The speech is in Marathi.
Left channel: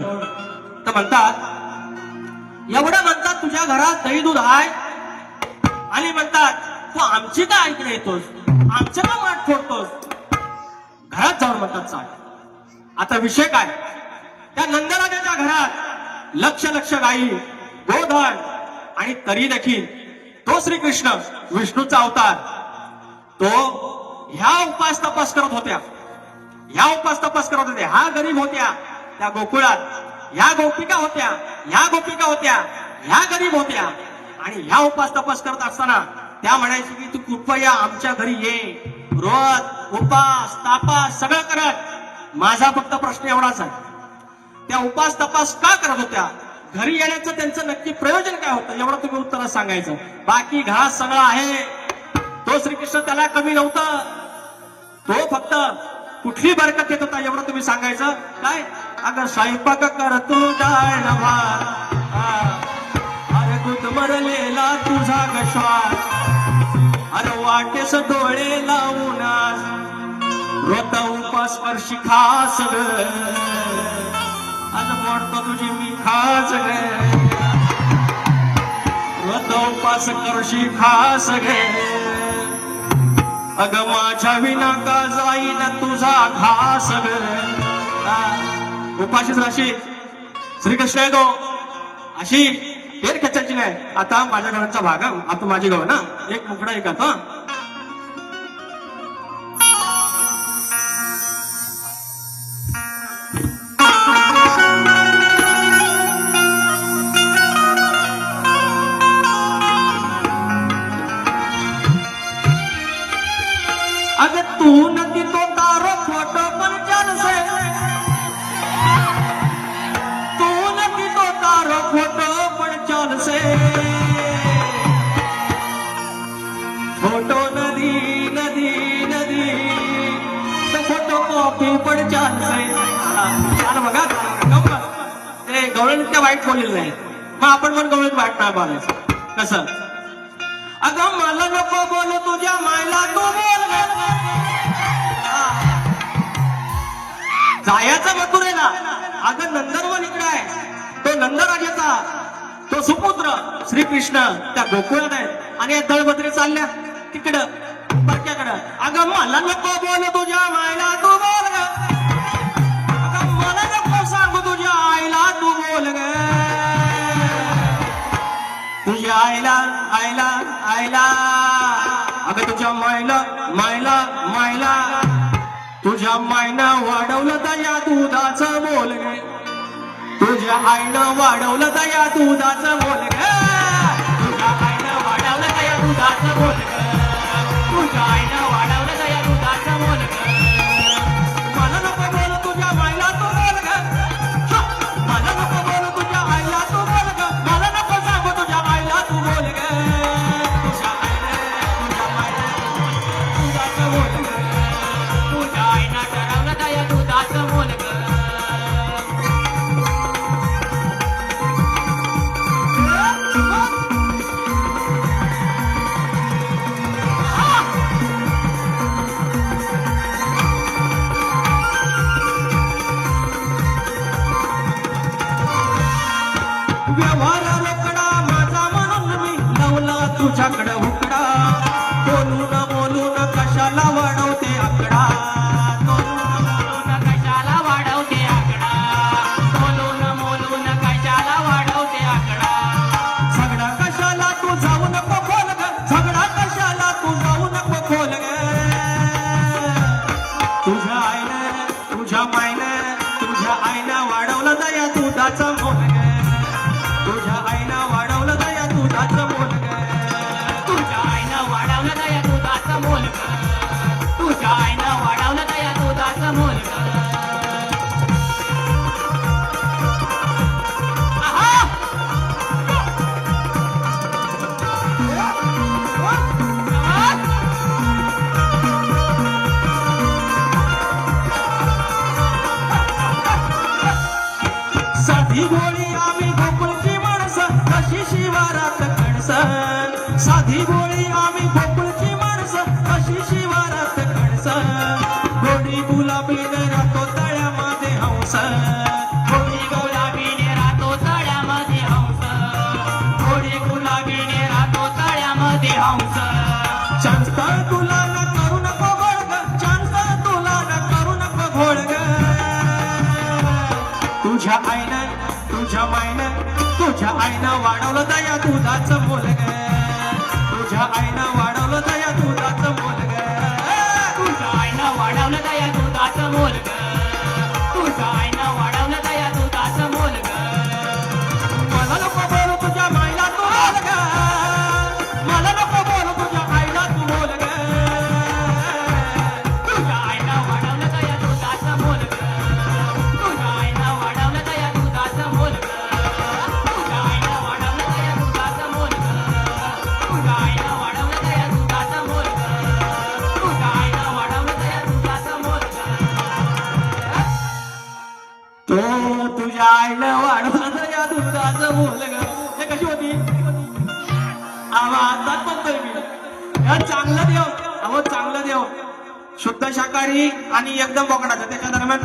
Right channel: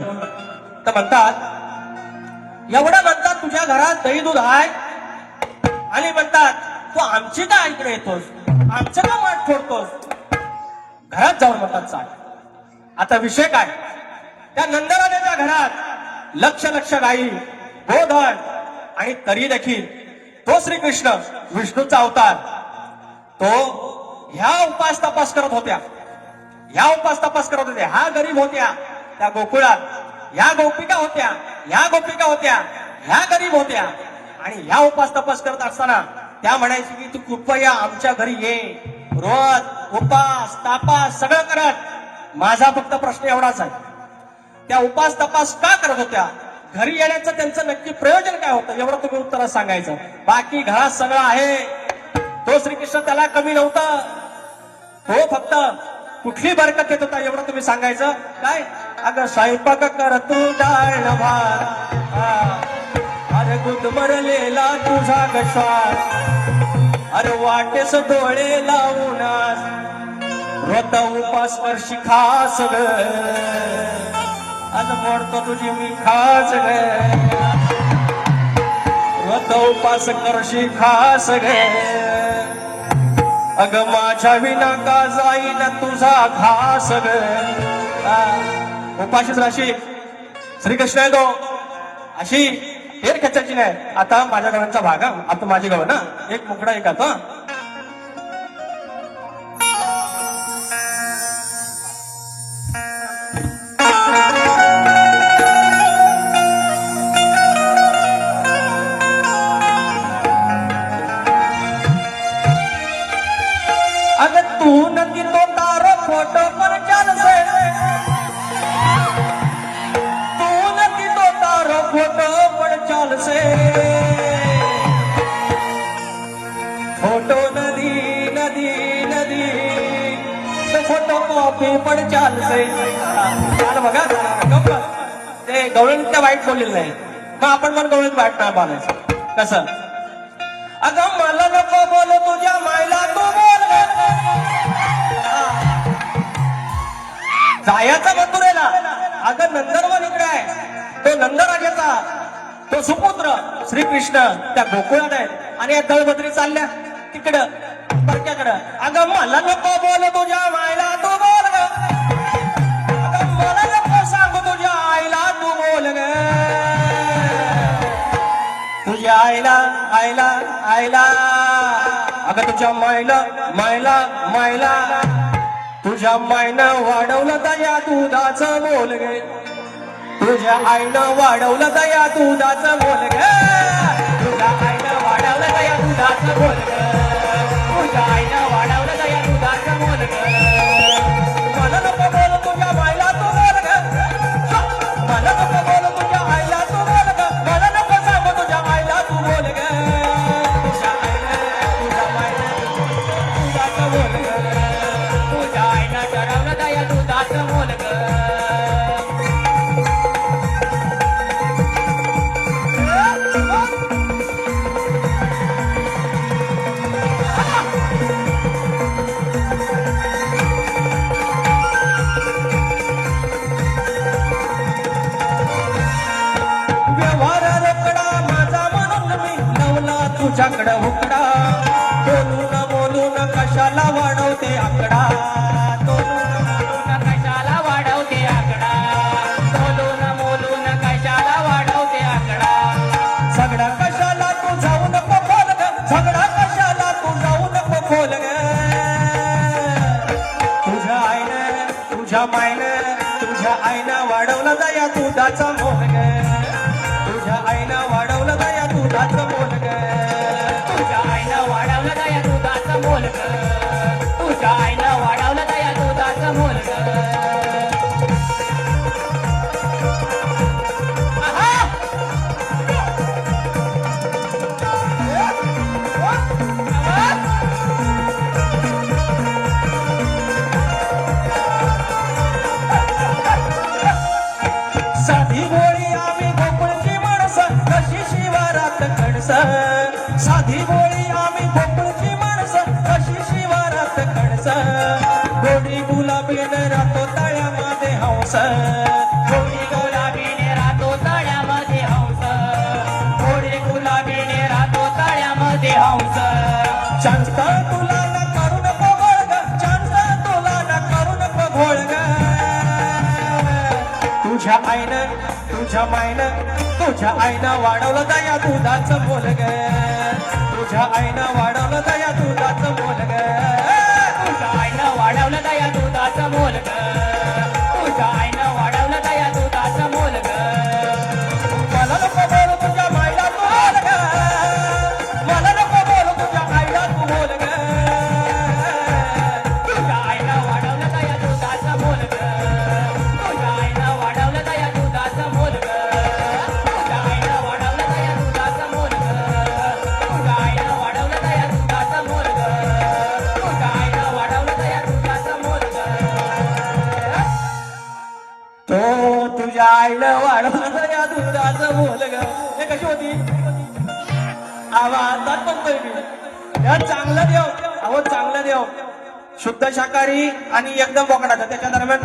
तर म्हणतात एवढं म्हणतात तुझ्या घरात दही दूध आहे? आणि म्हणतात तू आमची का ऐकणं येतोस. आमचं का वाट फोडतोस. घरात जाऊन म्हणतात चाल आता विषय काय? त्या नंदराजाच्या घरात लक्ष लक्ष गाई गोधन आणि तरी देखील. तो श्रीकृष्ण विष्णूचा अवतार. तो ह्या उपास तपास करत होत्या. ह्या उपास तपास करत होत्या. ह्या गरीब होत्या. त्या गोकुळात. ह्या गोपिका होत्या ह्या गोपिका होत्या ह्या गरीब होत्या. आणि ह्या उपास तपास करत असताना त्या म्हणायची की तू कृपया आमच्या घरी ये. रोज उपास तापास सगळं करत माझा फक्त प्रश्न एवढाच आहे. त्या उपास तपास का करत होत्या? घरी येण्याचं त्यांचं नक्की प्रयोजन काय होतं? एवढं तुम्ही उत्तरात सांगायचं. बाकी घास सगळं आहे. तो श्रीकृष्ण त्याला कमी नव्हता. तो फक्त कुठली बरकत येत होता एवढं तुम्ही सांगायचं. काय? अगं स्वयंपाक करतो डाळ भात अरे गुदमरलेला तुझा गश्वास अरे वाटेस डोळे लावून रोता उपास वर्षी खास ग. मोडतो तुझी मी खास ग. उपास करशी खास गे अग माझ्या विना का जाईन तुझा घास ग. उपाशीच राशील श्रीकृष्ण आहे तो. अशी एक कच्चाची नाही. आता माझ्या घराचा भाग आता माझी गाव ना. एक मुकडा एक आता नदी तो फोटो कॉपी पर चल बघा ते गवळणीच्या वाईट बोललेलं आहे मग आपण पण गवळणीत वाईट नाही बोलायचं कसं अगं मला नको बोलू तुझ्या मायला तू बोल ग. जायचं मथुरेला अगं नंदनवन इकडे आहे तो नंदराजाचा तो सुपुत्र श्रीकृष्ण त्या गोकुळात आहे आणि या दळबद्री चालल्या तिकडं बरक्याकडं अगं मला नको बोल तुझ्या मायला तू बोल ग. अगं मला नको सांग तुझ्या आईला तू बोल ग. तुझ्या आईला आईला आईला. अगं तुझ्या मायला मायला मायला तुझ्या मायनं वाढवलं दया दुधाचं बोल गे. तुझ्या आईनं वाढवलं दया दुधाचं बोल गे. तुझ्या आईनं वाढवलं दया दुधाचं बोल आम्ही कोकणची माणसं कशी शिवारात कणस गोरी गुलाबीने राहतो तळ्यामध्ये हंस. गोरी गुलाबीने राहतो तळ्यामध्ये हंस. गोरी गुलाबीने राहतो तळ्यामध्ये हंस. शांत तुला न करू नको तुला न करू नको तुझ्या आईनं तुझ्या मायनं तुझ्या आईनं वाढवलं दया तुझाच बोलग అయిన వాడలో తగదు माझं हे कशी होती आवाजात पण चांगलं देव. अहो चांगलं देव. शुद्ध शाकाहारी आणि एकदम बोकडाचा. त्याच्या दरम्यान